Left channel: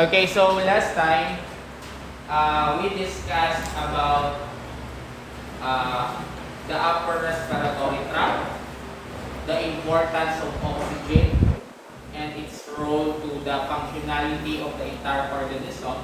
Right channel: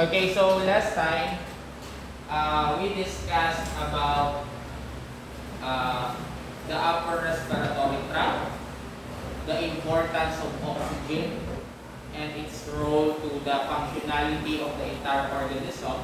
Okay, so last time we discussed about the upper respiratory tract, the importance of oxygen, and its role to the functionality of the entire organism.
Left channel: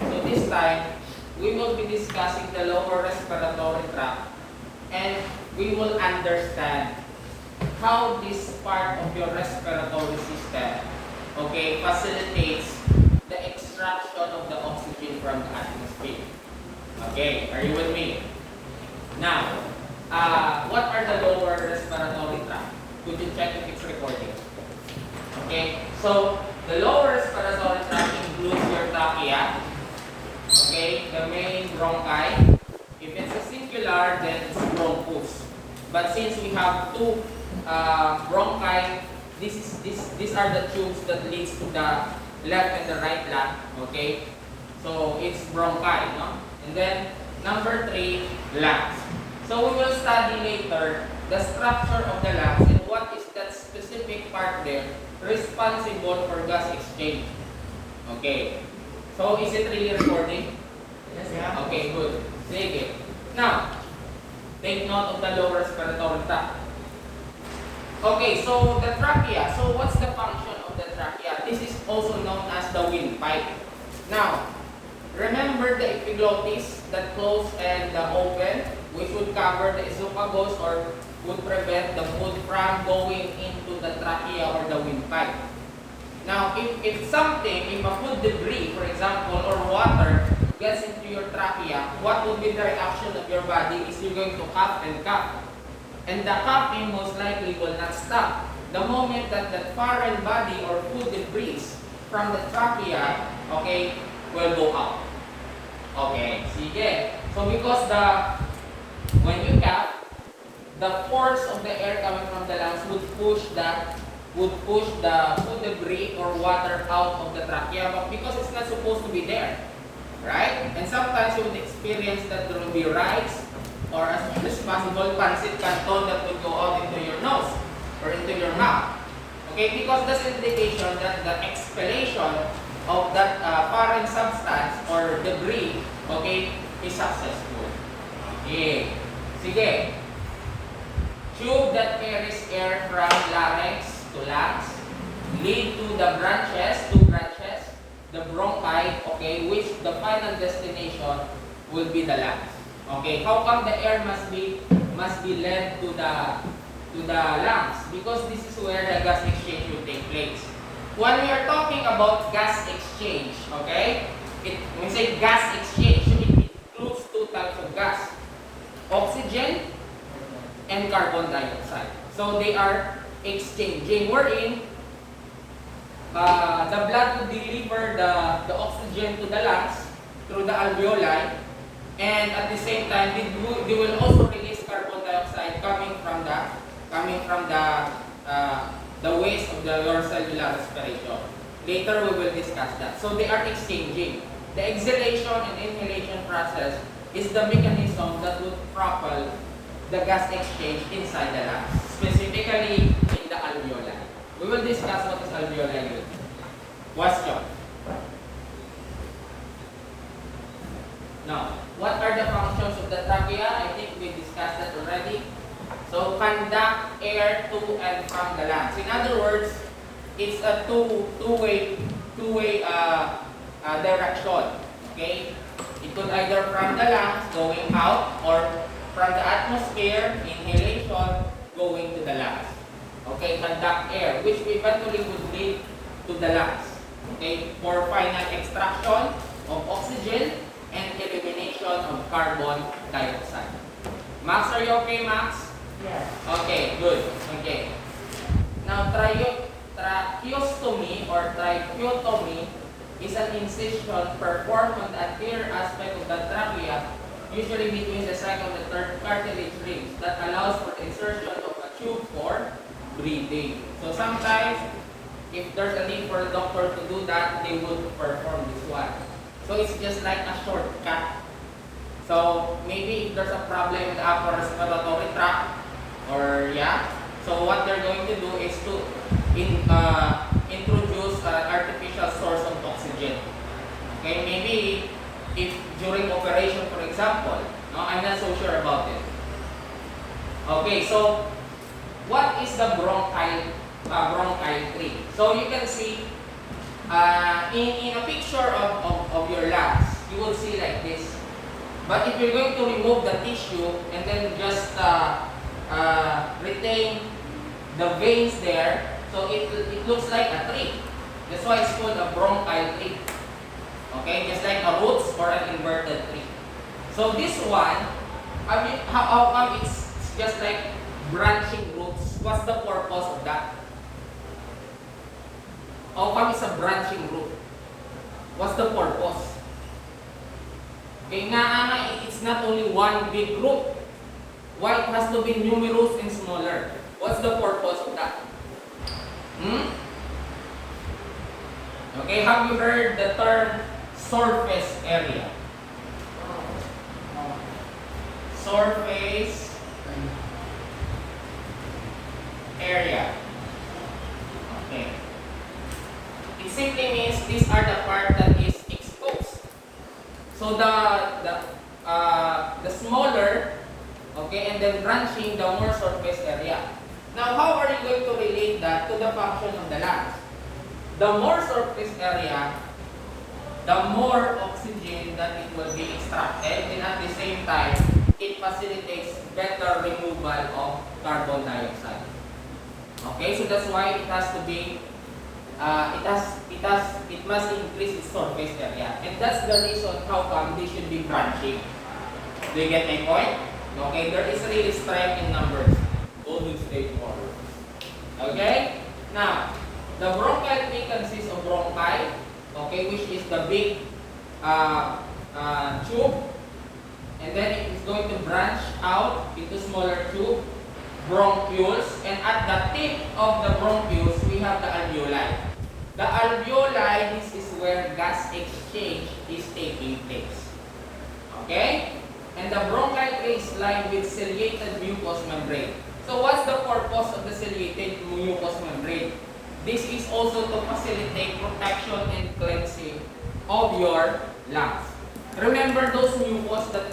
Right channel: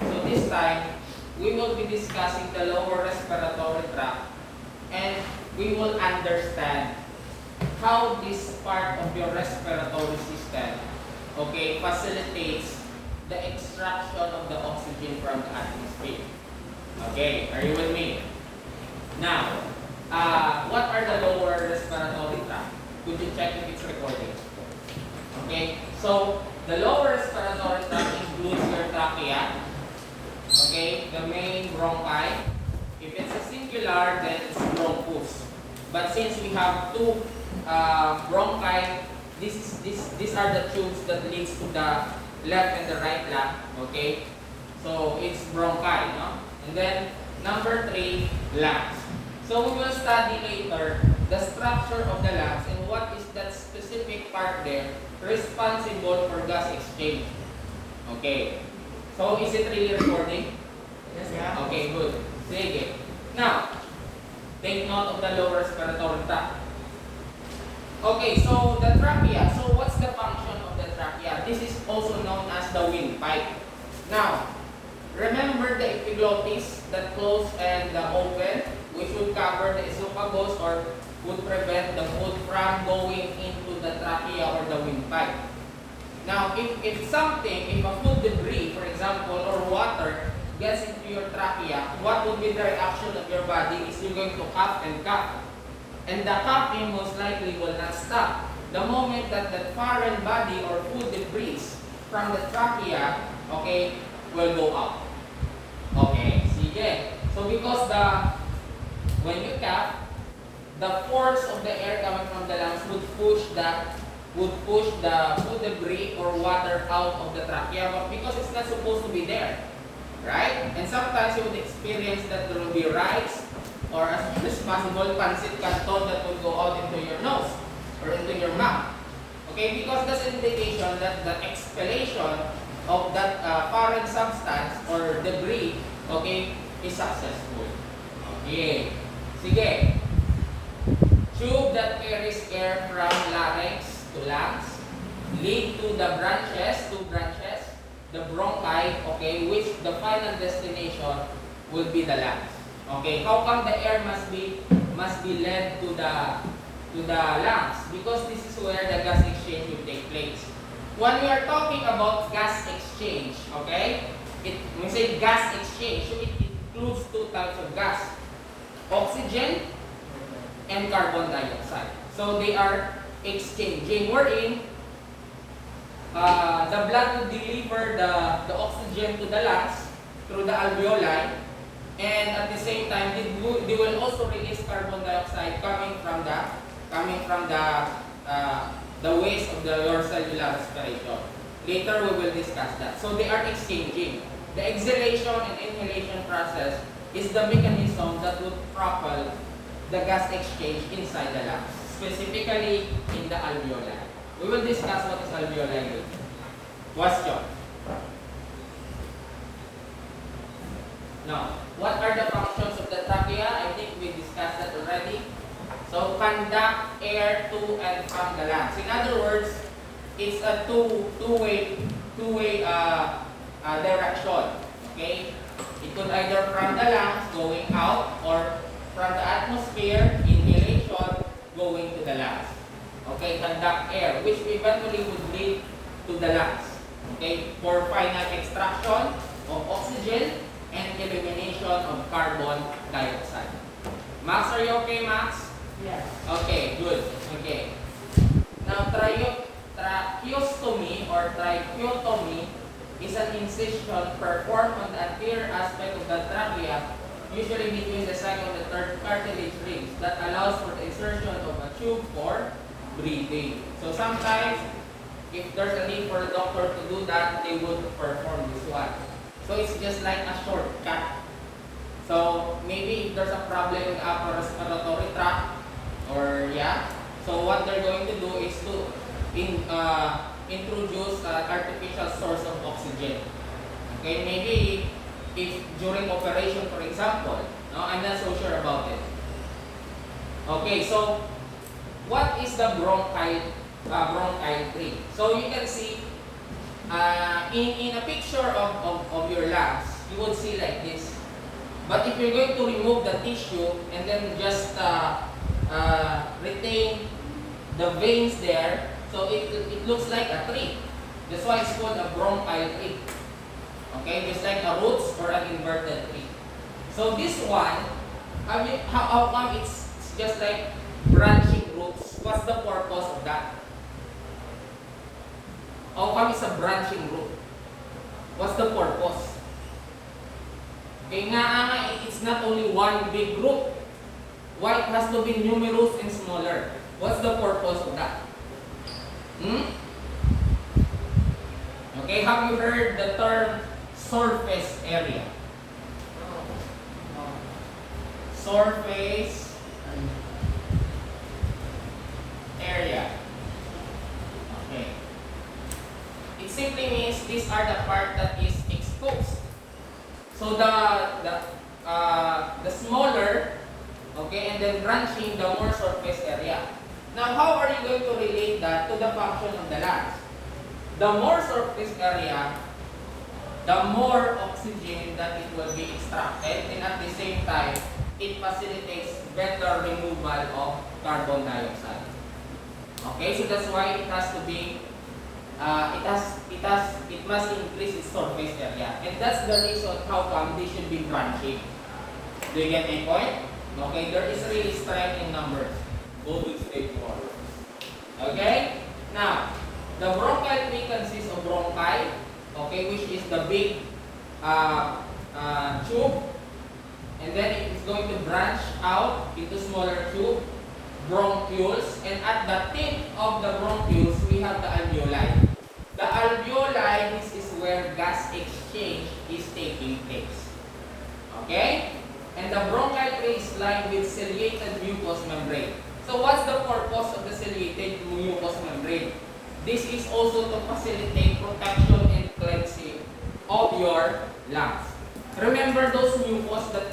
So this time, we will be discussing the lower respiratory tract, and we will understand how this part of your respiratory system, okay, facilitates the extraction of the oxygen from the atmosphere. Okay, are you with me? Now, what are the lower respiratory tract? Could you check if it's recording? Okay, so the lower respiratory tract includes your trachea, okay, the main bronchi. If it's a singular, then it's bronchus. But since we have two bronchi, these are the tubes that leads to the left and the right lung, okay? So it's bronchi, no? And then number 3, lungs. So we will study later the structure of the lungs and what is that specific part there responsible for gas exchange. Okay. So is it really recording? Yes, yeah. Okay, good. Sige. Now, take note of the lower respiratory tract. Okay, so the trachea. So what's the function of the trachea? This is also known as the windpipe. Now, remember the epiglottis that close and open, which would cover the esophagus or would prevent the food from going into the trachea or the windpipe. Now, if a food debris, for example, or water gets into your trachea, what would be the reaction of your body is you're going to cough and cough. And the coughing most likely will not stop. The moment that the foreign body or food debris from the trachea, okay, will go up. Okay, sige. So because when you cough, the force of the air coming from the lungs would push the food debris or water out of the trachea, but because it's not supposed to be there, right? And sometimes you would experience that there will be rice or as much as possible pancit canton that will go out into your nose or into your mouth. Okay, because that's indication that the expellation of that foreign substance or debris, okay, is successful. Okay. Sige. Tube that carries air from larynx to lungs lead to the two branches, the bronchi, okay, which the final destination will be the lungs. Okay, how come the air must be led to the lungs? Because this is where the gas exchange will take place. When we are talking about gas exchange, okay, when we say gas exchange, it includes two types of gas: oxygen and carbon dioxide. So they are exchanging. Wherein the blood would deliver the oxygen to the lungs through the alveoli. And at the same time, they will also release carbon dioxide coming from the waste of your cellular respirator. Later, we will discuss that. So they are exchanging. The exhalation and inhalation process is the mechanism that would propel the gas exchange inside the lungs, specifically in the alveoli. We will discuss what is alveoli later. Question. Now, what are the functions of the trachea? I think we discussed that already. So, conduct air to and from the lungs. In other words, it's a two-way direction. Okay, it could either from the lungs going out or from the atmosphere, inhalation, going to the lungs. Okay, conduct air, which eventually would lead to the lungs. Okay, for final extraction of oxygen and elimination of carbon dioxide. Max, are you okay, Max? Yes. Okay, good. Okay. Now, tracheostomy or tracheotomy is an incision performed on the anterior aspect of the trachea, usually between the second and third cartilage rings, that allows for the insertion of a tube for breathing. So sometimes, if there's a need for the doctor to do that, they would perform this one. So it's just like a shortcut. So maybe if there's a problem with the upper respiratory tract, so what they're going to do is to introduce an artificial source of oxygen. oxygen. Okay, maybe if during operation, for example, no, I'm not so sure about it. Okay, so what is the bronchial tree? So you can see in a picture of your lungs, you would see like this. But if you're going to remove the tissue and then just retain the veins there, so it looks like a tree. That's why it's called a bronchial tree. Okay, just like a roots or an inverted tree. So this one, how come it's just like branching roots? What's the purpose of that? How come it's a branching root? What's the purpose? It's not only one big root. Why it has to be numerous and smaller? What's the purpose of that? Okay, have you heard the term surface area? Surface area. Okay. It simply means these are the part that is exposed. So the smaller, okay, and then branching, the more surface area. Now, how are you going to relate that to the function of the lungs? The more surface area, the more oxygen that it will be extracted, and at the same time, it facilitates better removal of carbon dioxide. Okay, so that's why it has to be, it must increase its surface area, and that's the reason how come they should be branching. Do you get my point? Okay, there is really strength in numbers. Go with stage 1. Okay, now the bronchial tree consists of bronchi, okay, which is the big tube, and then it is going to branch out into smaller tube, bronchioles, and at the tip of the bronchioles we have the alveoli. The alveoli, this is where gas exchange is taking place. Okay? And the bronchial tree is lined with ciliated mucous membrane. So what's the purpose of the ciliated mucous membrane? This is also to facilitate protection and cleansing of your lungs. Remember those mucus that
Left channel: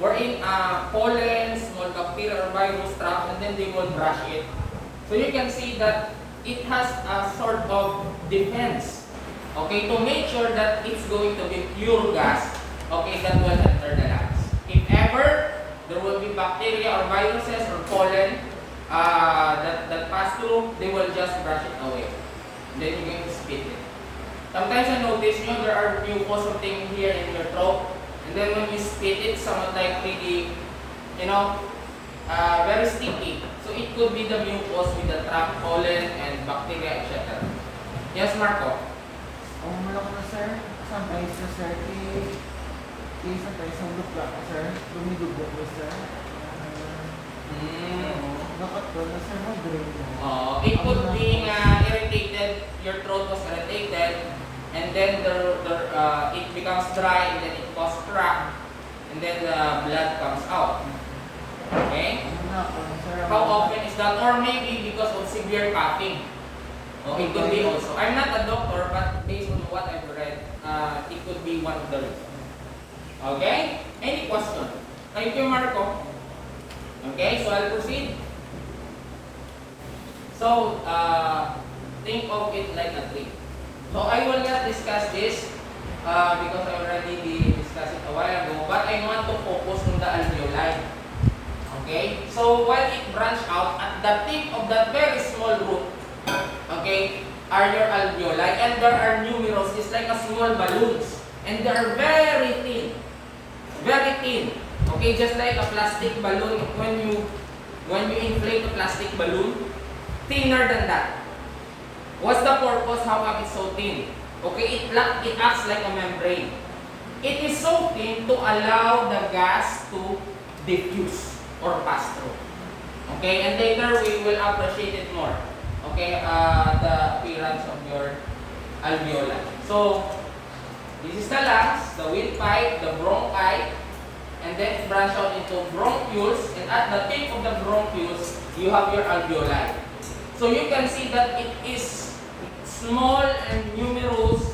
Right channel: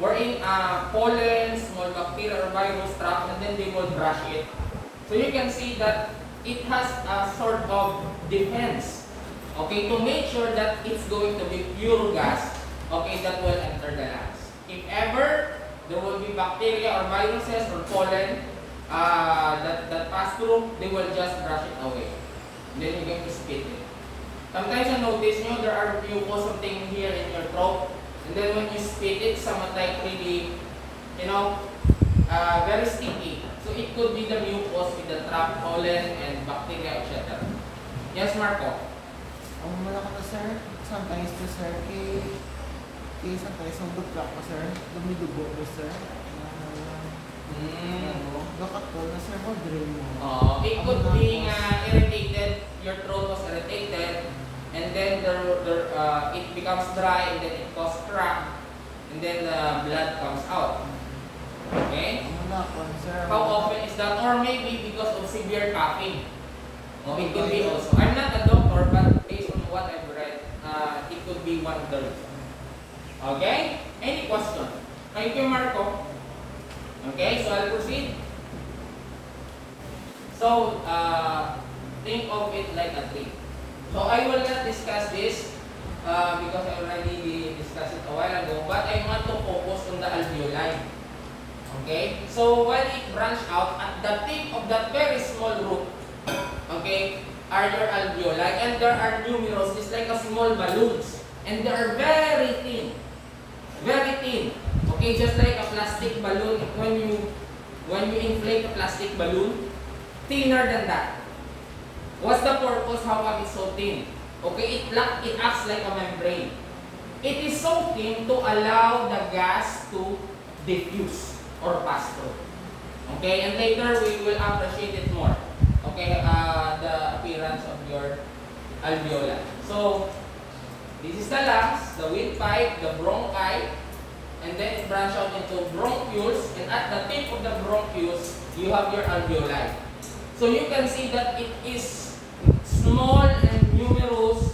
were in pollen, small bacteria or virus trap, and then they will brush it. So you can see that it has a sort of defense, okay, to make sure that it's going to be pure gas, okay, that will enter the lungs. If ever there will be bacteria or viruses or pollen that pass through, they will just brush it away. And then you're going to spit it. Sometimes I notice, there are mucus something here in your throat, and then when you spit it, somewhat like really, very sticky. So it could be the mucus with the trap pollen and bacteria, etc. Yes, Marco? Malaki na sir, sometimes na sir, sometimes ang butla ko sir, lumidugo ko sir. Dapat ko na sir, no-drain mo. It could be irritated, your throat was irritated, and then it becomes dry, and then it causes crack, and then the blood comes out. Okay? How often is that? Or maybe because of severe coughing. It could be also. I'm not a doctor, but based on what I've read, it could be one of the reasons. Okay? Any question? Thank you, Marco. Okay, so I'll proceed. So, think of it like a tree. So I will not discuss this because I already discussed it a while ago, but I want to focus on the alveoli. Okay, so when it branch out, at the tip of that very small root, okay, are your alveoli, and there are numerous, it's like a small balloons, and they are very thin, okay, just like a plastic balloon. When you inflate a plastic balloon, thinner than that. What's the purpose? How come it's so thin? Okay, it acts like a membrane. It is so thin to allow the gas to diffuse or pass through. Okay, and later we will appreciate it more. Okay, the appearance of your alveoli. So, this is the lungs, the windpipe, the bronchi, and then it branches out into bronchioles, and at the tip of the bronchioles, you have your alveoli. So you can see that it is small and numerous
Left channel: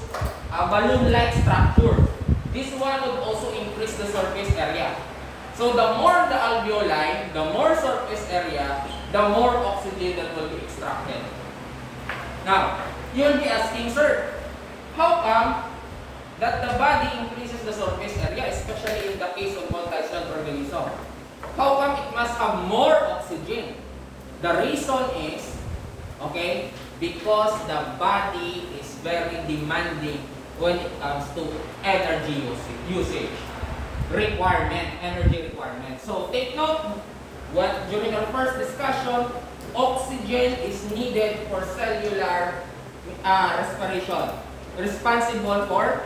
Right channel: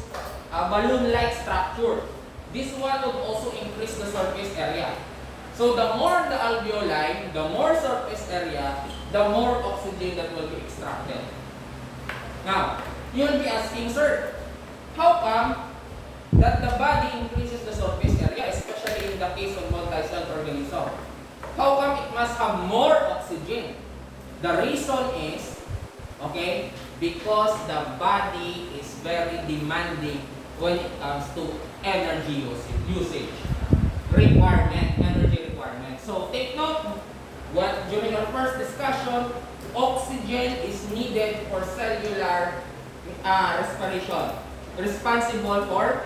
balloon-like structure. This one would also increase the surface area. So the more the alveoli, the more surface area, the more oxygen that will be extracted. Now, you'll be asking, sir, how come that the body increases the surface area, especially in the case of multi-celled organism? How come it must have more oxygen? The reason is, okay, because the body is very demanding when it comes to energy usage requirement, energy requirement. So take note, during our first discussion, oxygen is needed for cellular respiration, responsible for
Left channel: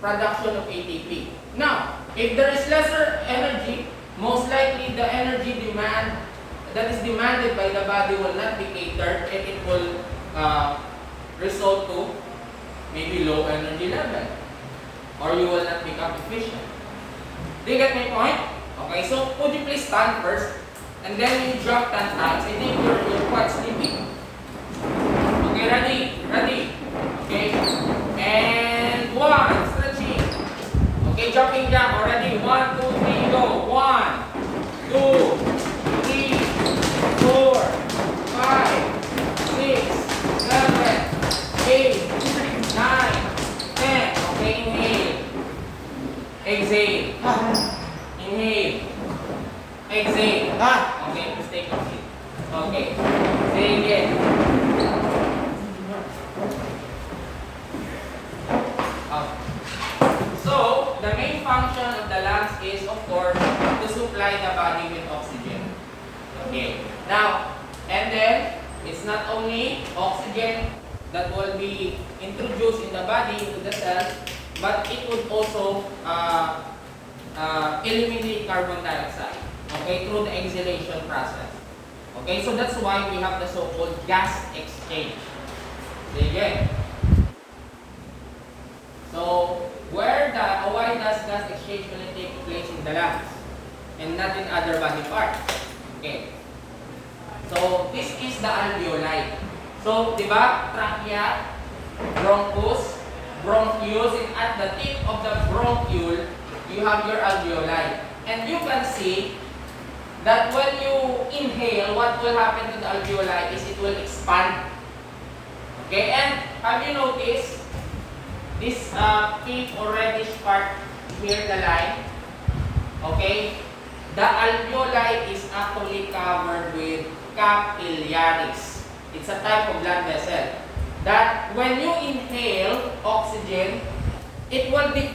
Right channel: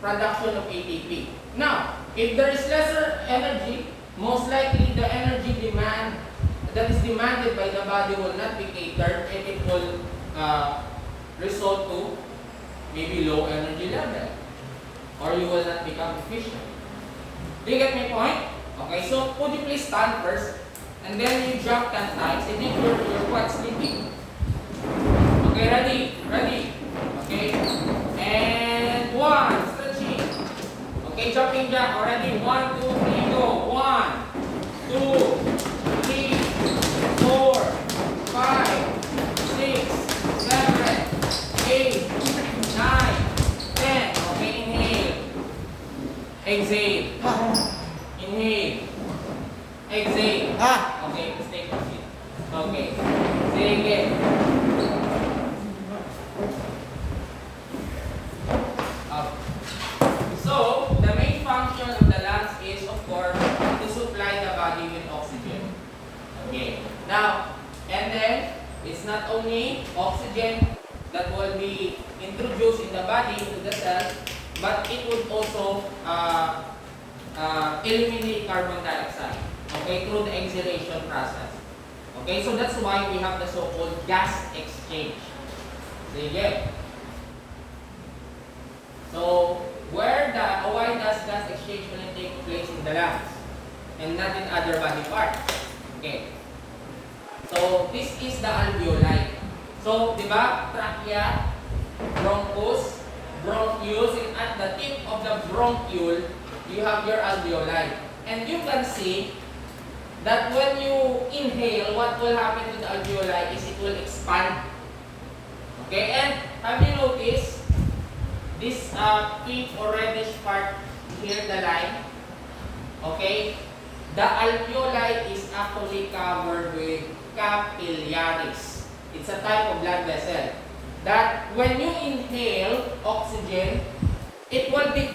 production of ATP. Now, if there is lesser energy, most likely the energy demand that is demanded by the body will not be catered, and it will result to maybe low energy level, or you will not become efficient. Do you get my point? Okay, so would you please stand first, and then you jump 10 times. I think you're quite sleepy. Okay, ready? Okay, and 1, stretching. Okay, jumping jack already. 1, 2, 3, go. 1, 2, 3, 4, 5, 6, 7, 8, 9, 10. Okay, inhale. Exhale. Inhale. Exhale. Okay, just take a seat. Okay. Say again. Okay. So, the main function of the lungs is, of course, to supply the body with oxygen. Okay. Now, and then, it's not only oxygen that will be introduced in the body, into the cell, but it would also eliminate carbon dioxide, okay, through the exhalation process. Okay, so that's why we have the so-called gas exchange. Sige. So, why does gas exchange only take place in the lungs and not in other body parts? Okay. So, this is the alveoli. So, di ba, trachea, bronchus, bronchus, and at the tip of the bronchiole, you have your alveoli. And you can see that when you inhale, what will happen to the alveoli is it will expand. Okay, and have you noticed this pink or reddish part here, the line? Okay, the alveoli is actually covered with capillaries. It's a type of blood vessel that when you inhale oxygen, it will be